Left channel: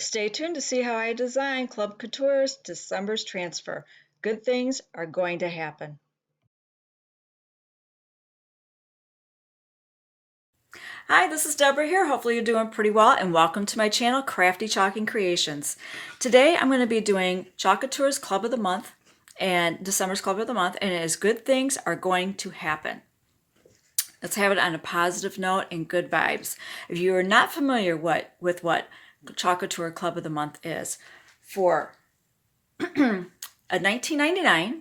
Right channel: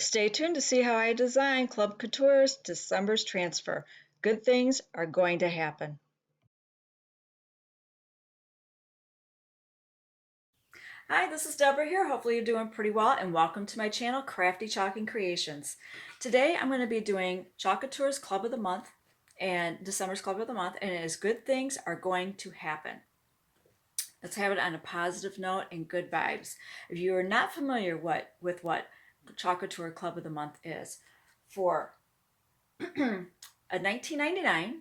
Stay tuned to see how I design Club Couture's December's transfer. Good things are going to happen. Hi, this is Deborah here. Hopefully you're doing pretty well, and welcome to my channel, Crafty Chalking Creations. Today I'm going to be doing Chalk Couture's Club of the Month and December's Club of the Month, and it is Good Things Are Going to Happen. Let's have it on a positive note and good vibes. If you are not familiar with what Chalk Couture Club of the Month is, for a $19.99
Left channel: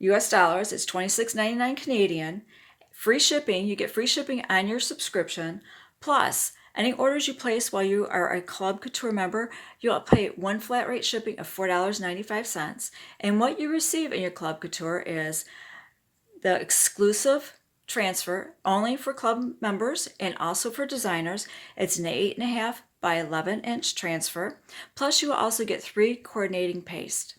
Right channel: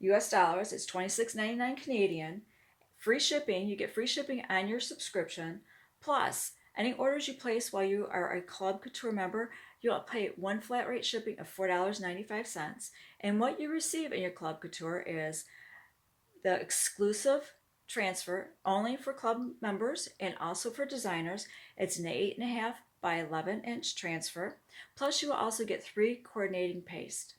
US dollars, it's $26.99 Canadian. Free shipping, you get free shipping on your subscription. Plus, any orders you place while you are a Club Couture member, you'll pay one flat rate shipping of $4.95. And what you receive in your Club Couture is the exclusive transfer only for club members and also for designers. It's an 8.5 by 11-inch transfer. Plus, you will also get 3 coordinating paste.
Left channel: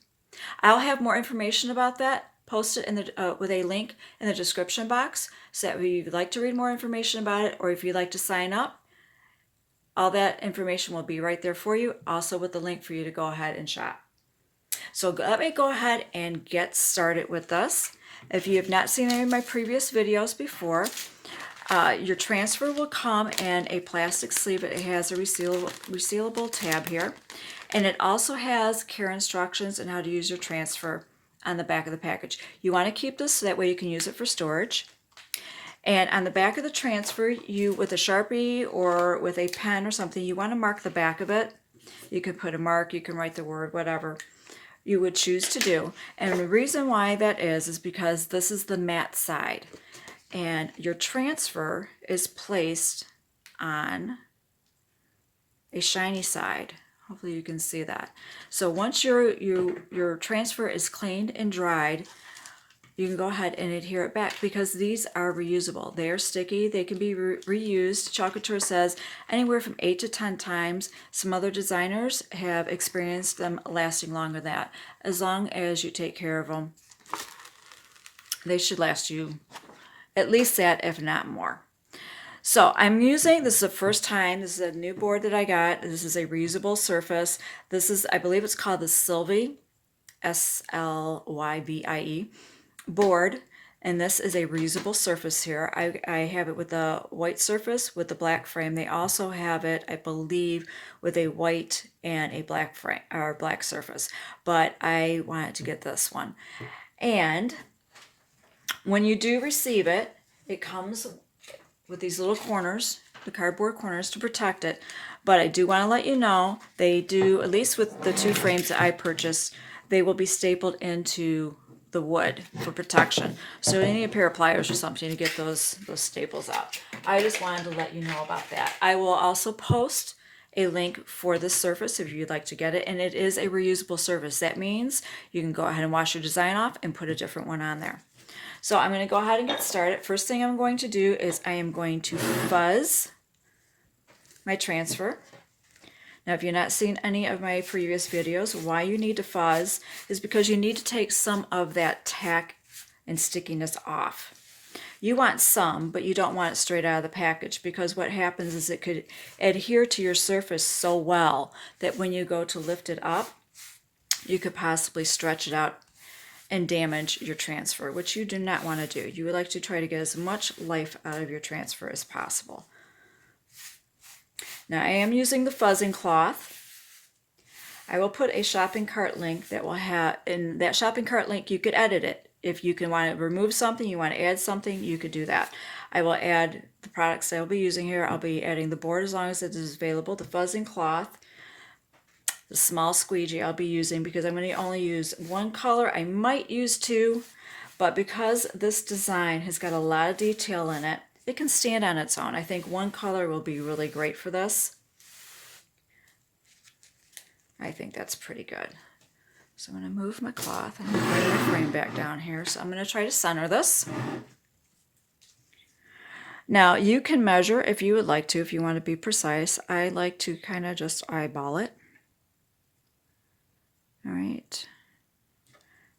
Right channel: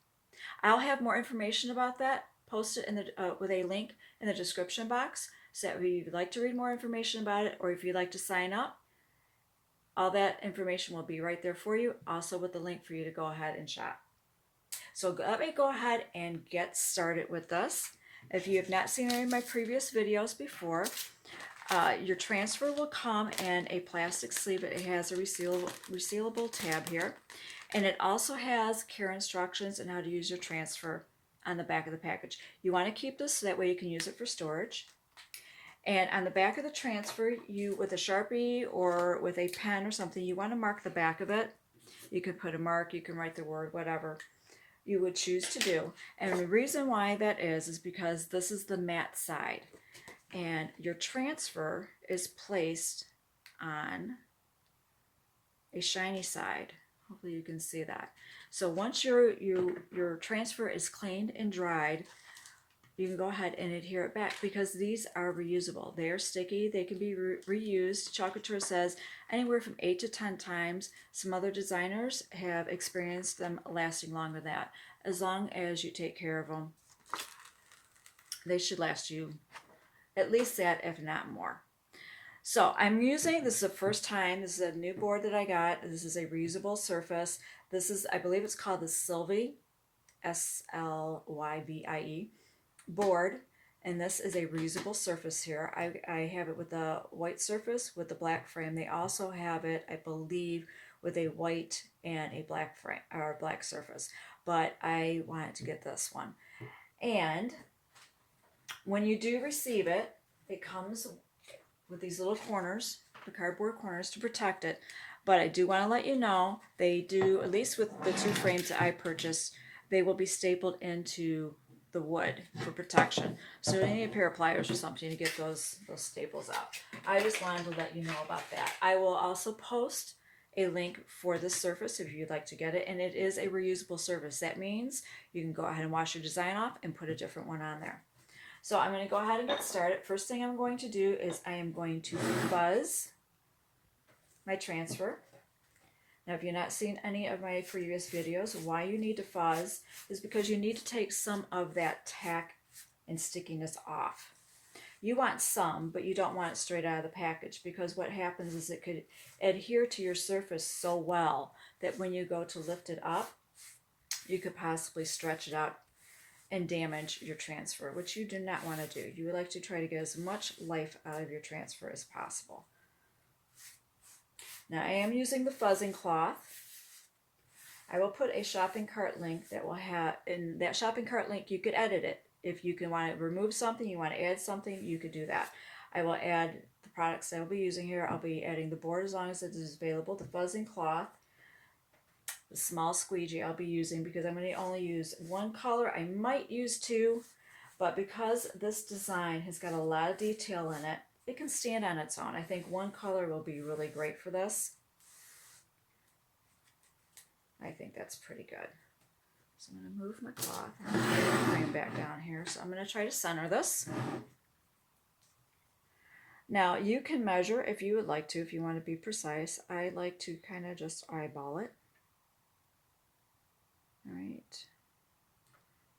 I'll have more information about that posted in the with a link in the description box, so that if you'd like to read more information about it, or if you'd like to sign up, all that information will be right there for you, also with the link for you to go ahead and shop. So let me go ahead and get started with this. If you have not seen any of my previous videos before, your transfer will come in a plastic sleeve. It has a resealable tab here. And it also has care instructions on how to use your transfer on the back of the package. You want to keep this so that way you can use it for storage. And on the back of the transfer, you, with a Sharpie or with a pen or something, you want to mark the back of it. You can put a mark, you can write the word, whatever you would choose to do. And the reason why that is because this is the matte side. And your transfer is placed on a shiny side. Hopefully you can see that. So once your transfer is cleaned and dried, you can go ahead and adhere it back, because these are reusable. They are sticky. They can be reused. Chalk Couture says anywhere from 8 to 10 times. Some other designers have experienced them lasting longer than that. As long as you take care of them, they should last you at least that, if not more. So I'm using, this is the first time, this is a new board that I got. This is a reusable surface. This is, I believe it's called the Sylvie, Slyvie board. And this is a reusable surface here. I have it with a white surface with the black frame. They also have it, I believe, with a white and a black frame or black surface. But I wanted to get this one. And when you do receive it, it comes with these little corners, the cardboard corners to protect it. But I do want to let you know, they do, at least with the 2 frames that I purchased, they will be stapled into the wood for protection. So you need a pair of pliers or something to get those staples out. I just wanted to let you know about that. I will also post a link for this surface if you'd like to get it, and it is a reusable surface. That means you can go ahead and wash your design off and put a different one on there. So I'm going to go ahead and get started. First thing I'm going to do is I am going to fuzz my transfer. Now, if you've not seen any of my previous videos, why you need to fuzz is because you need to take some of that tack and stickiness off. You want some, but you don't want it straight out of the package, because what happens is it could adhere to your surface so well that when you go to lift it up, you could possibly stretch it out and damage your transfer, which you do not want to do. You would like to try to get as much life out of your transfer as possible. Now, I am using the fuzzing cloth. I will put a shopping cart link that will have, in that shopping cart link you could edit it. If you can want to remove something, you want to add something, you could do that. I will add the products I will be using here. I'll be adding the board as long as it is available, the fuzzing cloth, the small squeegee I'll be using because I'm going to only use 1 color. I might use 2, but because this design has got a lot of detail in it, it can stand on its own. I think 1 color will be really great for this. I think that's pretty good. So I'm going to move my cloth and put the frame back down here. So I'm going to try to center this. Now you can measure if you would like to, if you want to be precise. I like to kind of just eyeball it. All right.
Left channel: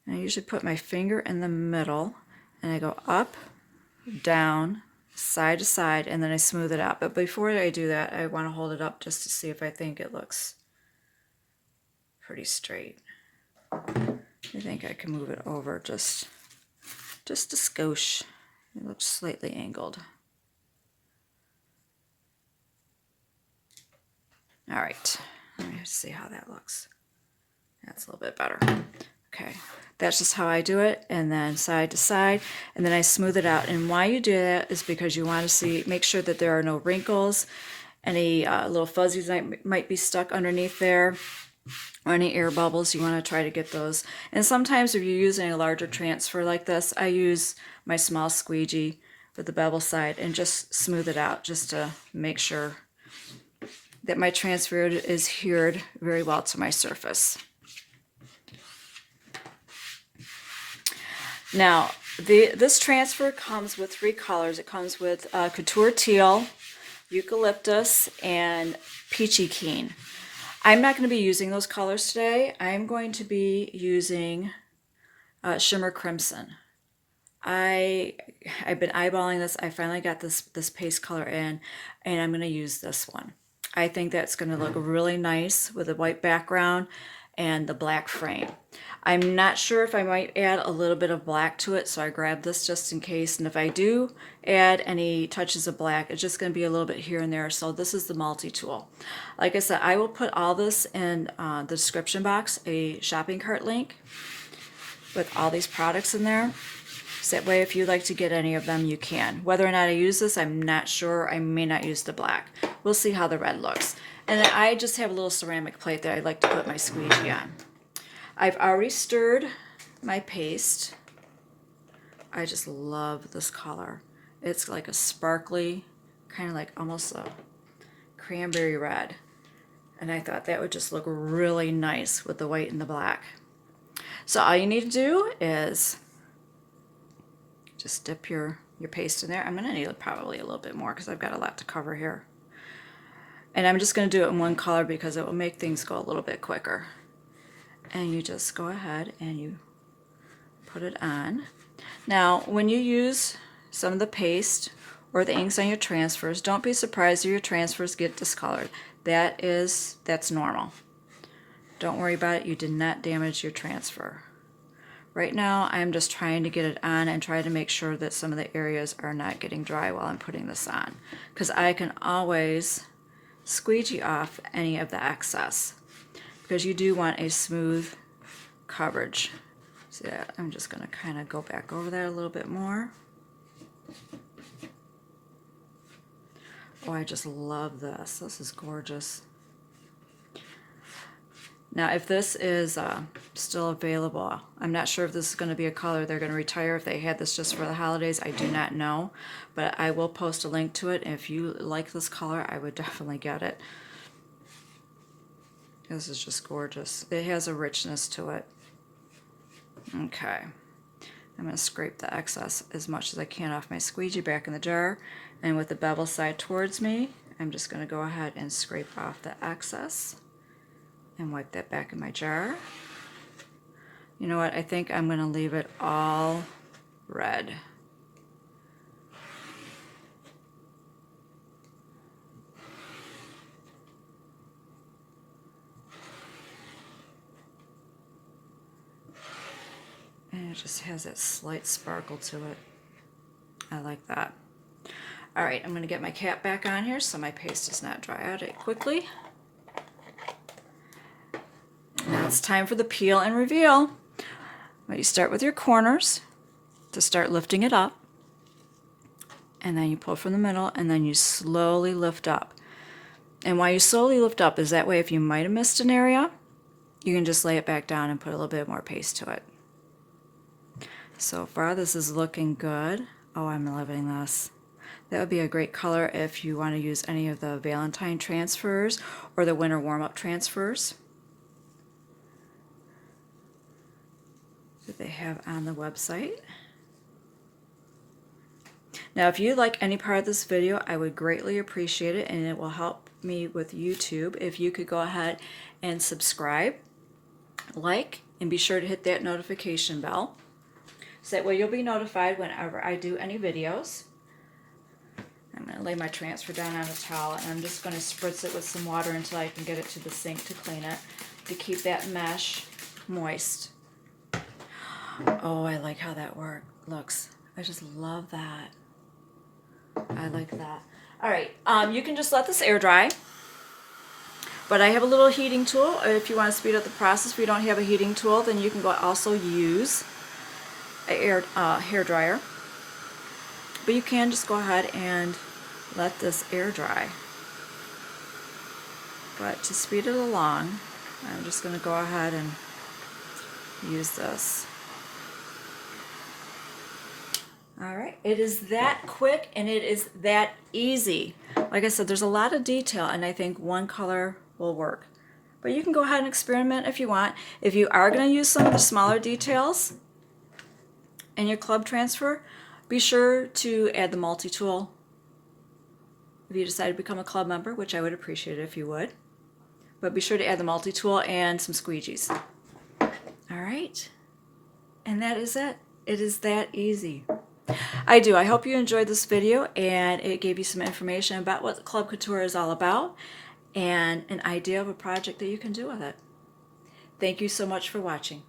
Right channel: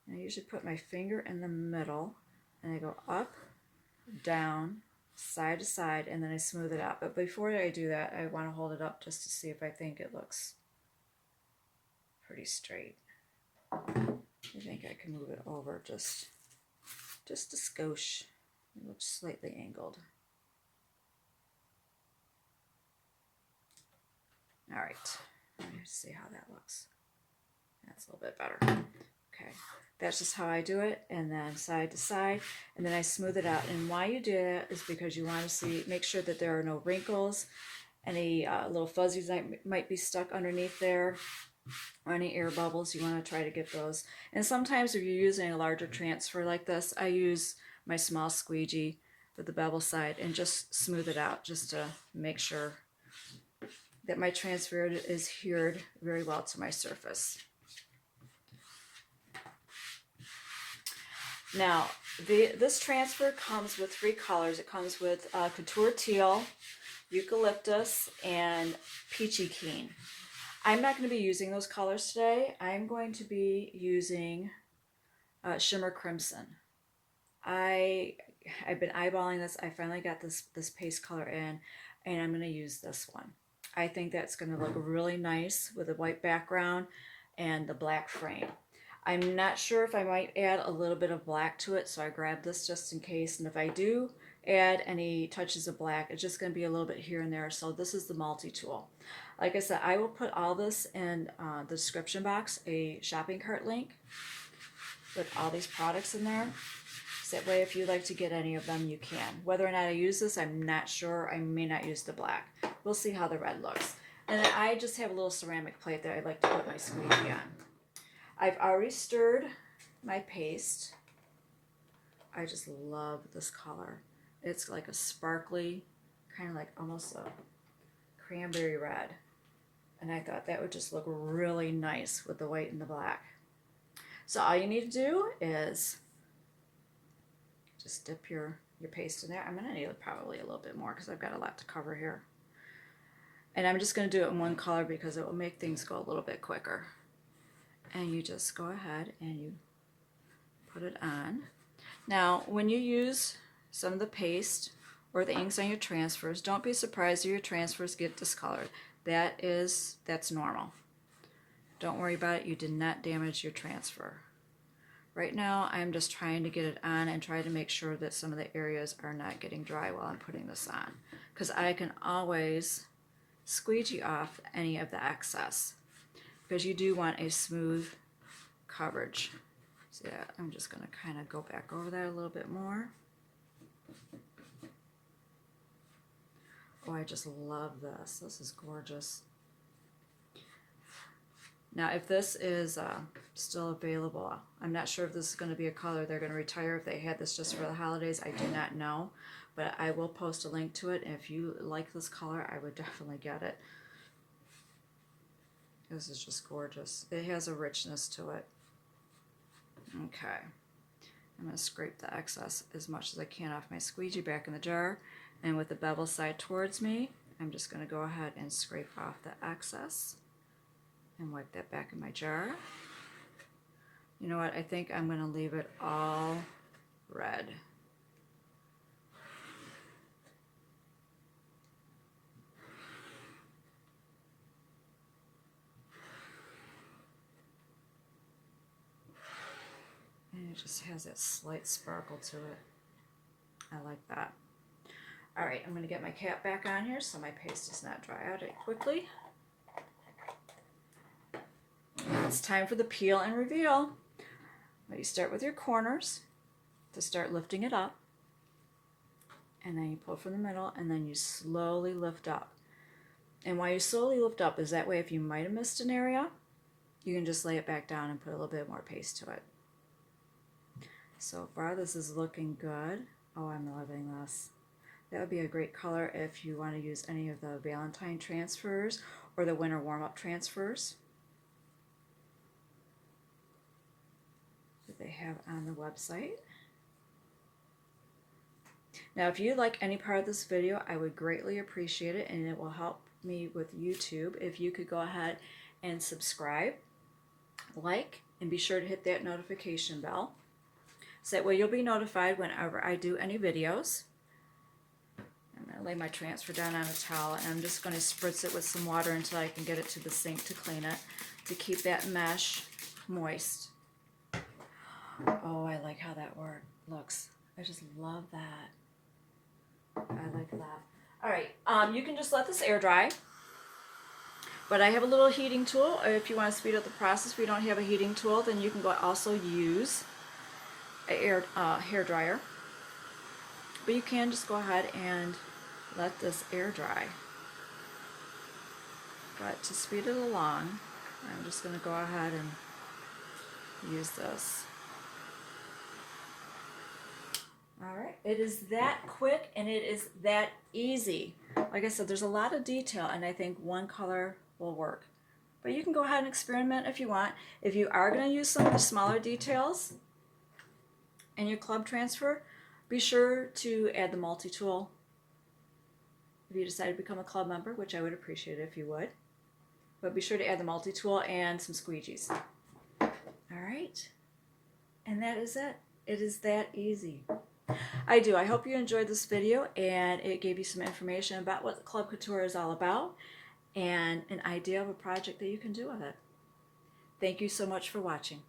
And I usually put my finger in the middle and I go up, down, side to side, and then I smooth it out. But before I do that, I want to hold it up just to see if I think it looks pretty straight. I think I can move it over just a skosh. It looks slightly angled. All right, let me see how that looks. That's a little bit better. Okay, that's just how I do it, and then side to side, and then I smooth it out. And why you do that is because you want to make sure that there are no wrinkles, any little fuzzies that might be stuck underneath there, or any air bubbles. You want to try to get those. And sometimes if you're using a larger transfer like this, I use my small squeegee with the bevel side and just smooth it out just to make sure that my transfer is adhered very well to my surface. Now, this transfer comes with 3 colors. It comes with Couture Teal, Eucalyptus, and Peachy Keen. I'm not going to be using those colors today. I'm going to be using Shimmer Crimson. I've been eyeballing this. I finally got this paste color in, and I'm going to use this one. I think that's going to look really nice with a white background and the black frame. I'm not sure if I might add a little bit of black to it, so I grabbed this just in case. And if I do add any touches of black, it's just going to be a little bit here and there. So this is the multi-tool. Like I said, I will put all this in the description box, a shopping cart link with all these products in there. So that way, if you'd like to get any of them, you can. Whether or not I use this, I'm not sure. I may not use the black. We'll see how the red looks. And then I just have a little ceramic plate that I'd like to put my squeegee on. I've already stirred my paste. I just love this color. It's like a sparkly, kind of like almost a cranberry red. And I thought that would just look really nice with the white and the black. So all you need to do is just dip your paste in there. I'm going to need probably a little bit more because I've got a lot to cover here. And I'm just going to do it in one color because it will make things go a little bit quicker. And you just go ahead and you put it on. Now, when you use some of the paste or the inks on your transfers, don't be surprised if your transfers get discolored. That's normal. Don't worry about it. You did not damage your transfer. Right now, I'm just trying to get it on and try to make sure that some of the areas are not getting dry while I'm putting this on. Because I can always squeegee off any of the excess. Because you do want a smooth coverage. See that? I'm just going to kind of go back over that a little bit more. Oh, I just love this. This is gorgeous. Now, if this is still available, I'm not sure if this is going to be a color they're going to retire. If they had this just for the holidays, I do not know. But I will post a link to it. If you like this color, I would definitely get it. This is just gorgeous. It has a richness to it. Okay. I'm going to scrape the excess as much as I can off my squeegee back in the jar. And with the bevel side towards me, I'm just going to go ahead and scrape off the excess and wipe that back in my jar. You know what? I think I'm going to leave it all red. And it just has that slight sparkle to it. I like that. All right, I'm going to get my cap back on here so my paste does not dry out quickly. Now it's time for the peel and reveal. Well, you start with your corners to start lifting it up. And then you pull from the middle and then you slowly lift up. And why you slowly lift up is that way if you might have missed an area, you can just lay it back down and put a little bit more paste to it. So far this is looking good. Oh, I'm loving this. That would be a great color if you want to use any of the Valentine transfers or the winter warm-up transfers that they have on the website. Now, if you like any part of this video, I would greatly appreciate it, and it will help me with YouTube if you could go ahead and subscribe, like, and be sure to hit that notification bell. So that way you'll be notified whenever I do any videos. I'm going to lay my transfer down on a towel, and I'm just going to spritz it with some water until I can get it to the sink to clean it. to keep that mesh moist. Oh, I like how that looks. I just love that. I like that. All right, you can just let this air dry. But I have a little heating tool. If you want to speed up the process, if you don't have a heating tool, then you can also use a hair dryer. But you can just go ahead and let this air dry. But to speed it along, I'm just going to go ahead and use this. Alright, it is that quick and it is that easy. Like I said, there's a lot of detail and I think one color will work. But you can go ahead and experiment if you want. If you are going to use some of the smaller details in your club transfer, be sure to add the multi-tool if you decide to become a club member, which I would appreciate it if you would. But be sure to add the multi-tool and some squeegees. Alright, and that is it. It is that easy. I hope you enjoyed this video and it gave you some information about what Club Couture is all about and an idea of a project that you can do with it. Thank you so much for watching.